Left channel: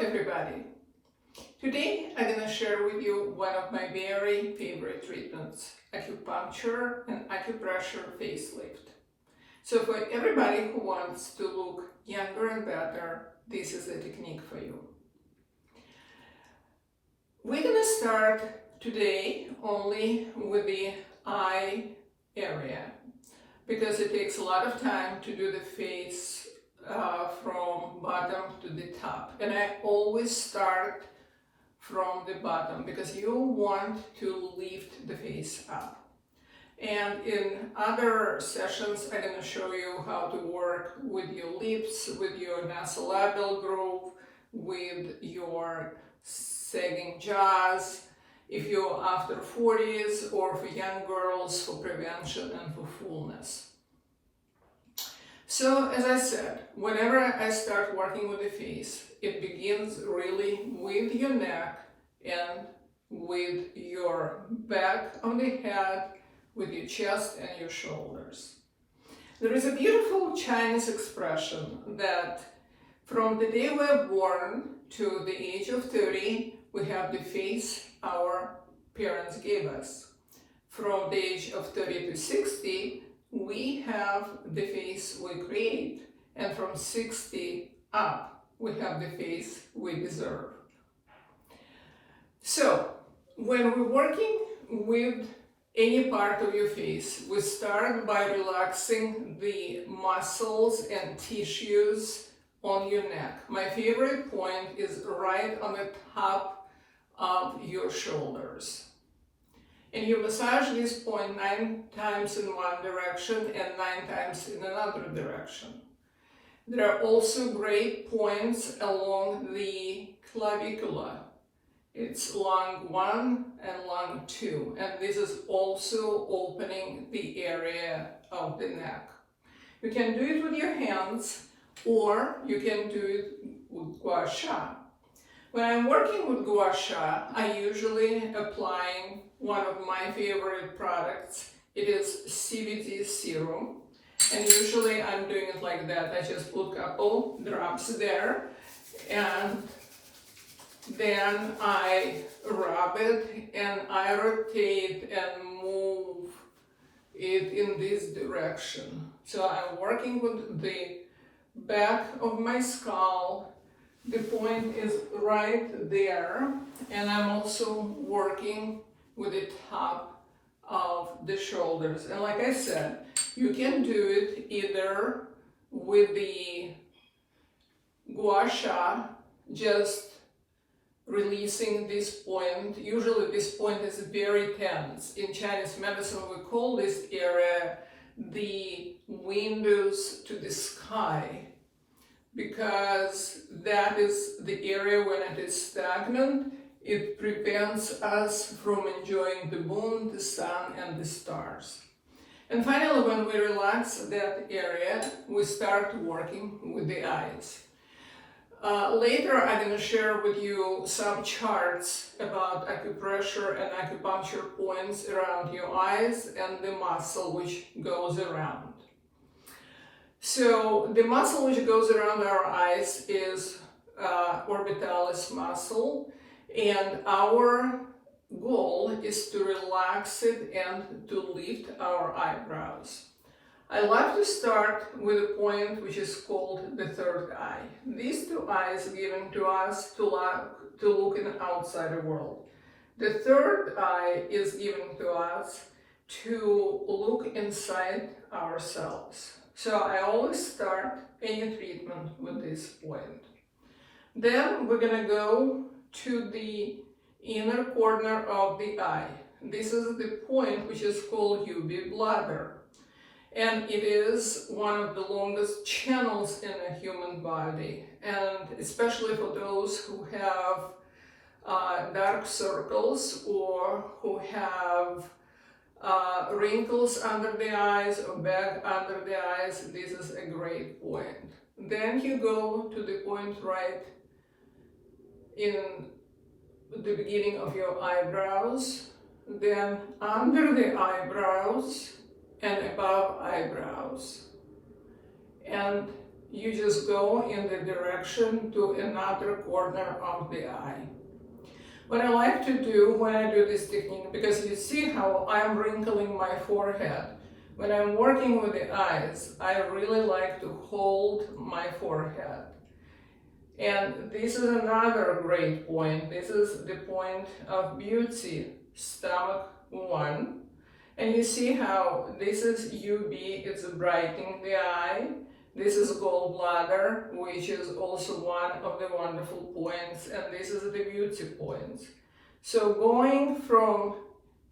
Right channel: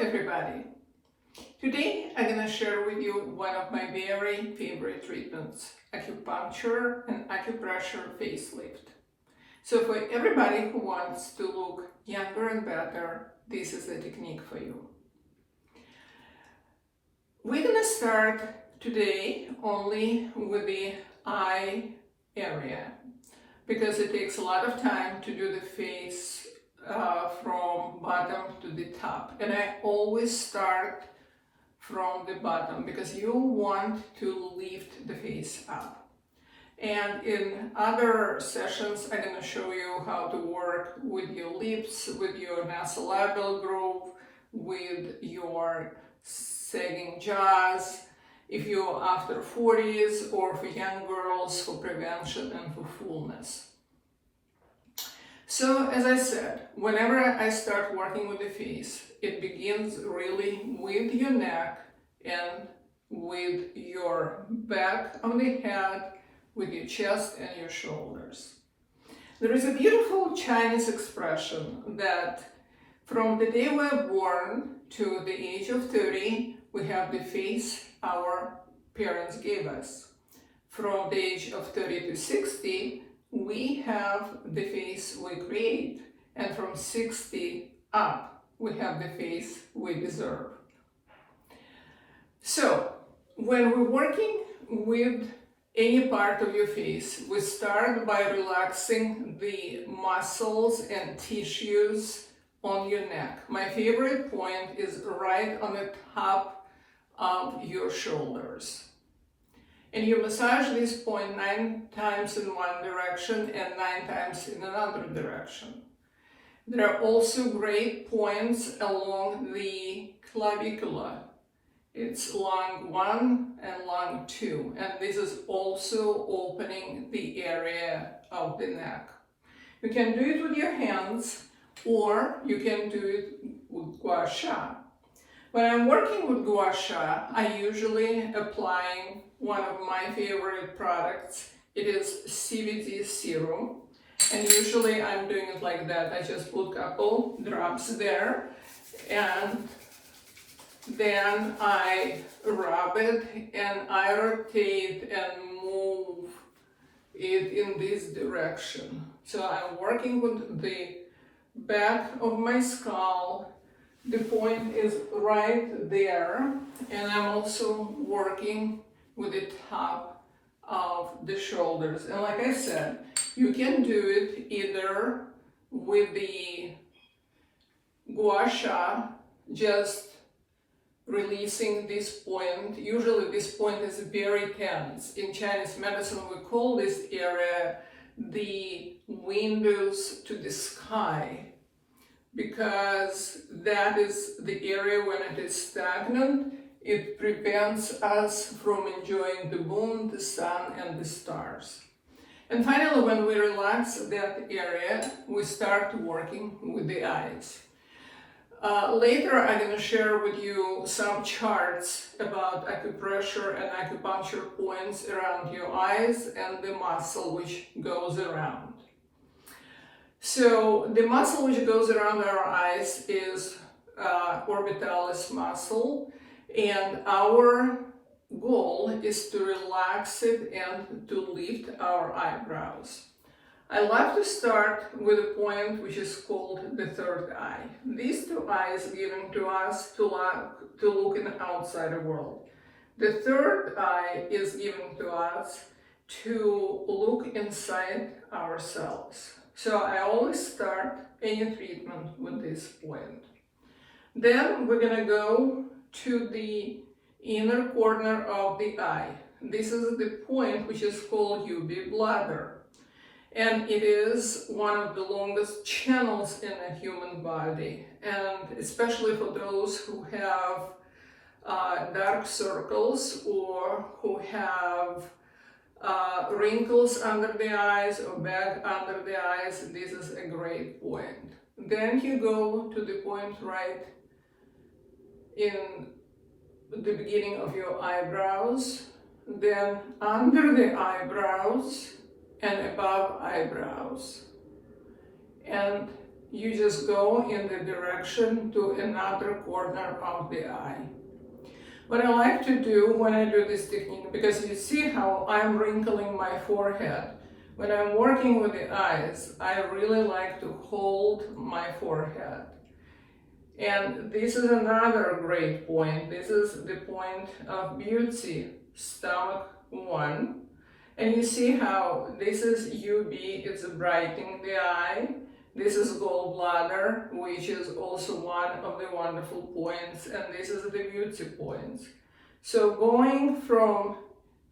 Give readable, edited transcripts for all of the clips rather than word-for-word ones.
everybody. Today I'm going to share with you one of my very favorite treatments, acupuncture and acupressure facelift. So for everybody who wants to look younger and better, this is the technique for you. We're going to start today only with the eye area because it takes a lot of time to do the face from bottom to the top, and I always start from the bottom because you want to lift the face up. And in other sessions I'm going to show you how to work with your lips, with your nasolabial groove, with your sagging jaws, if you're after 40s, or for young girls for prevention and for fullness. So as I said, whenever I start working with the face, it begins really with your neck and with your back of the head, with your chest and your shoulders. There is a beautiful Chinese expression that from the day we're born to the age of 30, we have the face our parents gave us. From the age of 30 to 60, we have the face we create, and from 60 up, we have the face we deserve. So, when we're working with any part of your face, we start by relaxing the muscles and tissues on your neck. My favorite point is right on the top of your shoulders. And you massage this point 9 times in one direction and 9 times in another direction. There are also great points along the clavicula. It's lung 1 and lung 2, and this is also opening the area of the neck. You can do it with your hands, or you can do it with Gua Sha. When I'm working with Gua Sha, I usually applying one of my favorite products. It is Cbd Serum, and usually I'm doing it like that. I just put a couple drops there, and then I rub it and I rotate and move it in this direction. So I'm working with the back of my skull. The point is right there, and I'm also working with the top of the shoulders. And like I said, you can do it either with the Gua Sha, just releasing this point. Usually this point is very tense. In Chinese medicine, we call this area the windows to the sky, because that is the area when it is stagnant. It prevents us from enjoying the moon, the sun, and the stars. And finally, when we relax that area, we start working with the eyes. Later, I'm going to share with you some charts about acupressure and acupuncture points around your eyes and the muscle which goes around. So the muscle which goes around our eyes is orbitalis muscle, and our goal is to relax it and to lift our eyebrows. I love to start with a point which is called the third eye. These two eyes given to us to look in the outside world. The third eye is given to us to look inside ourselves. So I always start any treatment with this point. Then we're going to go to the inner corner of the eye. This is the point which is called UV bladder. And it is one of the longest channels in a human body. And especially for those who have dark circles or who have wrinkles under the eyes or bag under the eyes, this is a great point. Then you go to the point right in the beginning of your eyebrows, then under the eyebrows and above eyebrows. And you just go in the direction to another corner of the eye. What I like to do when I do this technique, because you see how I'm wrinkling my forehead. When I'm working with the eyes, I really like to hold my forehead. And this is another great point. This is the point of beauty, stomach 1. And you see how this is UB, it's brightening the eye. This is gallbladder, which is also one of the wonderful points, and this is the beauty points. So going from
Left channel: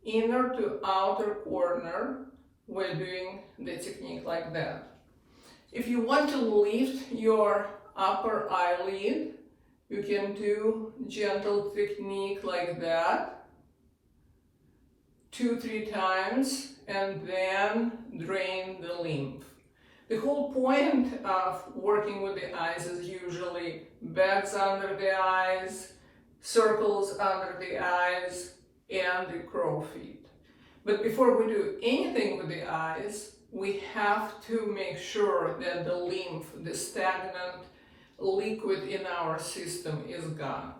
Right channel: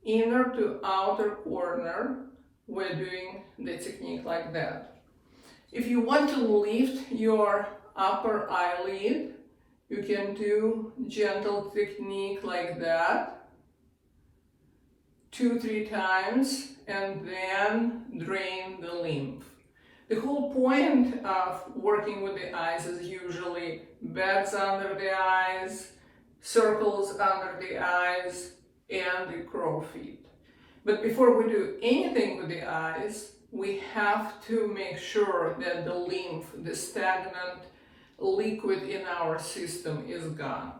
inner to outer corner, we're doing the technique like that. If you want to lift your upper eyelid, you can do gentle technique like that, 2-3 times, and then drain the lymph. The whole point of working with the eyes is usually bags under the eyes, circles under the eyes, and the crow feet. But before we do anything with the eyes, we have to make sure that the lymph, the stagnant liquid in our system, is gone.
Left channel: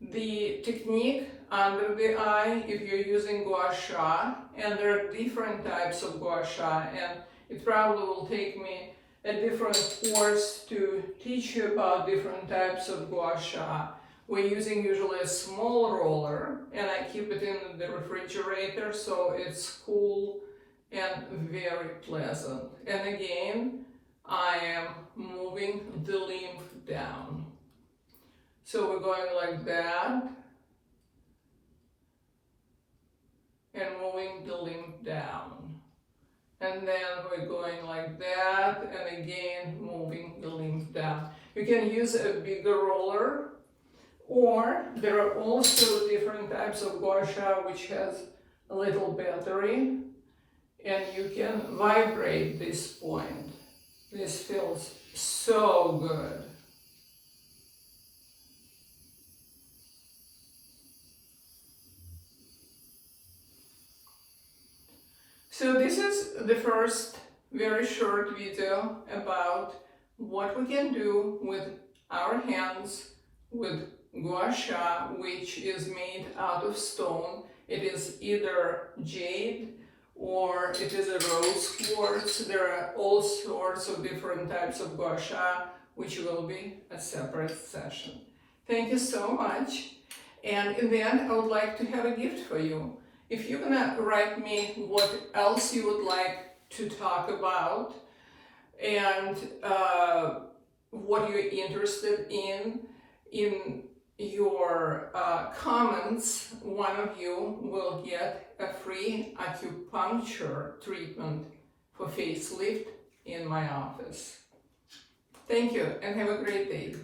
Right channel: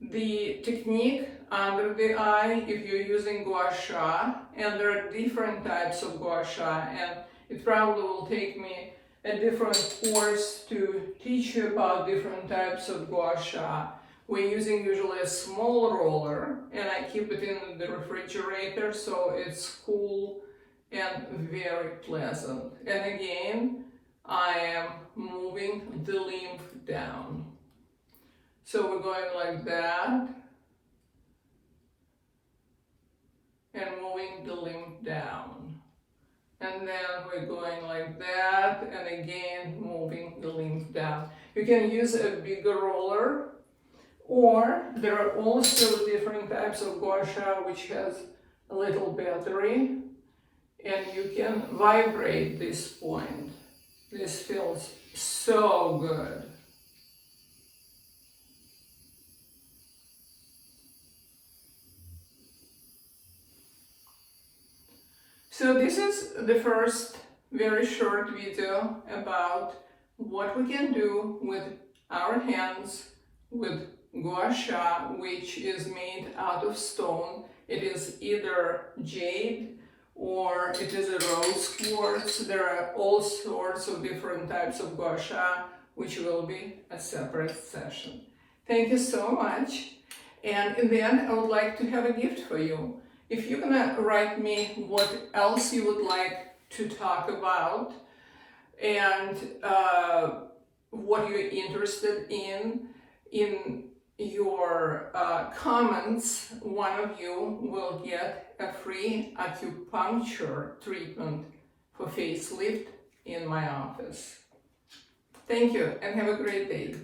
The technique under the eye, if you're using Gua Sha, and there are different types of Gua Sha, and it probably will take me a different course to teach you about different types of Gua Sha. We're using usually a small roller, and I keep it in the refrigerator so it's cool and very pleasant. And again, I am moving the lymph down. So we're going like that, and moving the lymph down. And then we're going like that, and again, moving the lymph down. You can use a bigger roller, or there are also different types of Gua Sha which has a little battery, and you can vibrate this point. This feels so good. So this is the first very short video about what we can do with our hands with Gua Sha, which is made out of stone. It is either jade or it is a rose quartz. There are all sorts of different types of Gua Sha, which will be a separate session. Thank you so much. And in the end, I would like to have a gift for you. If you're gonna write me what else you would like to talk about and what you're interested in your comments, one of you will get a free acupuncture treatment for facelift in my office. Thank you and have a great day.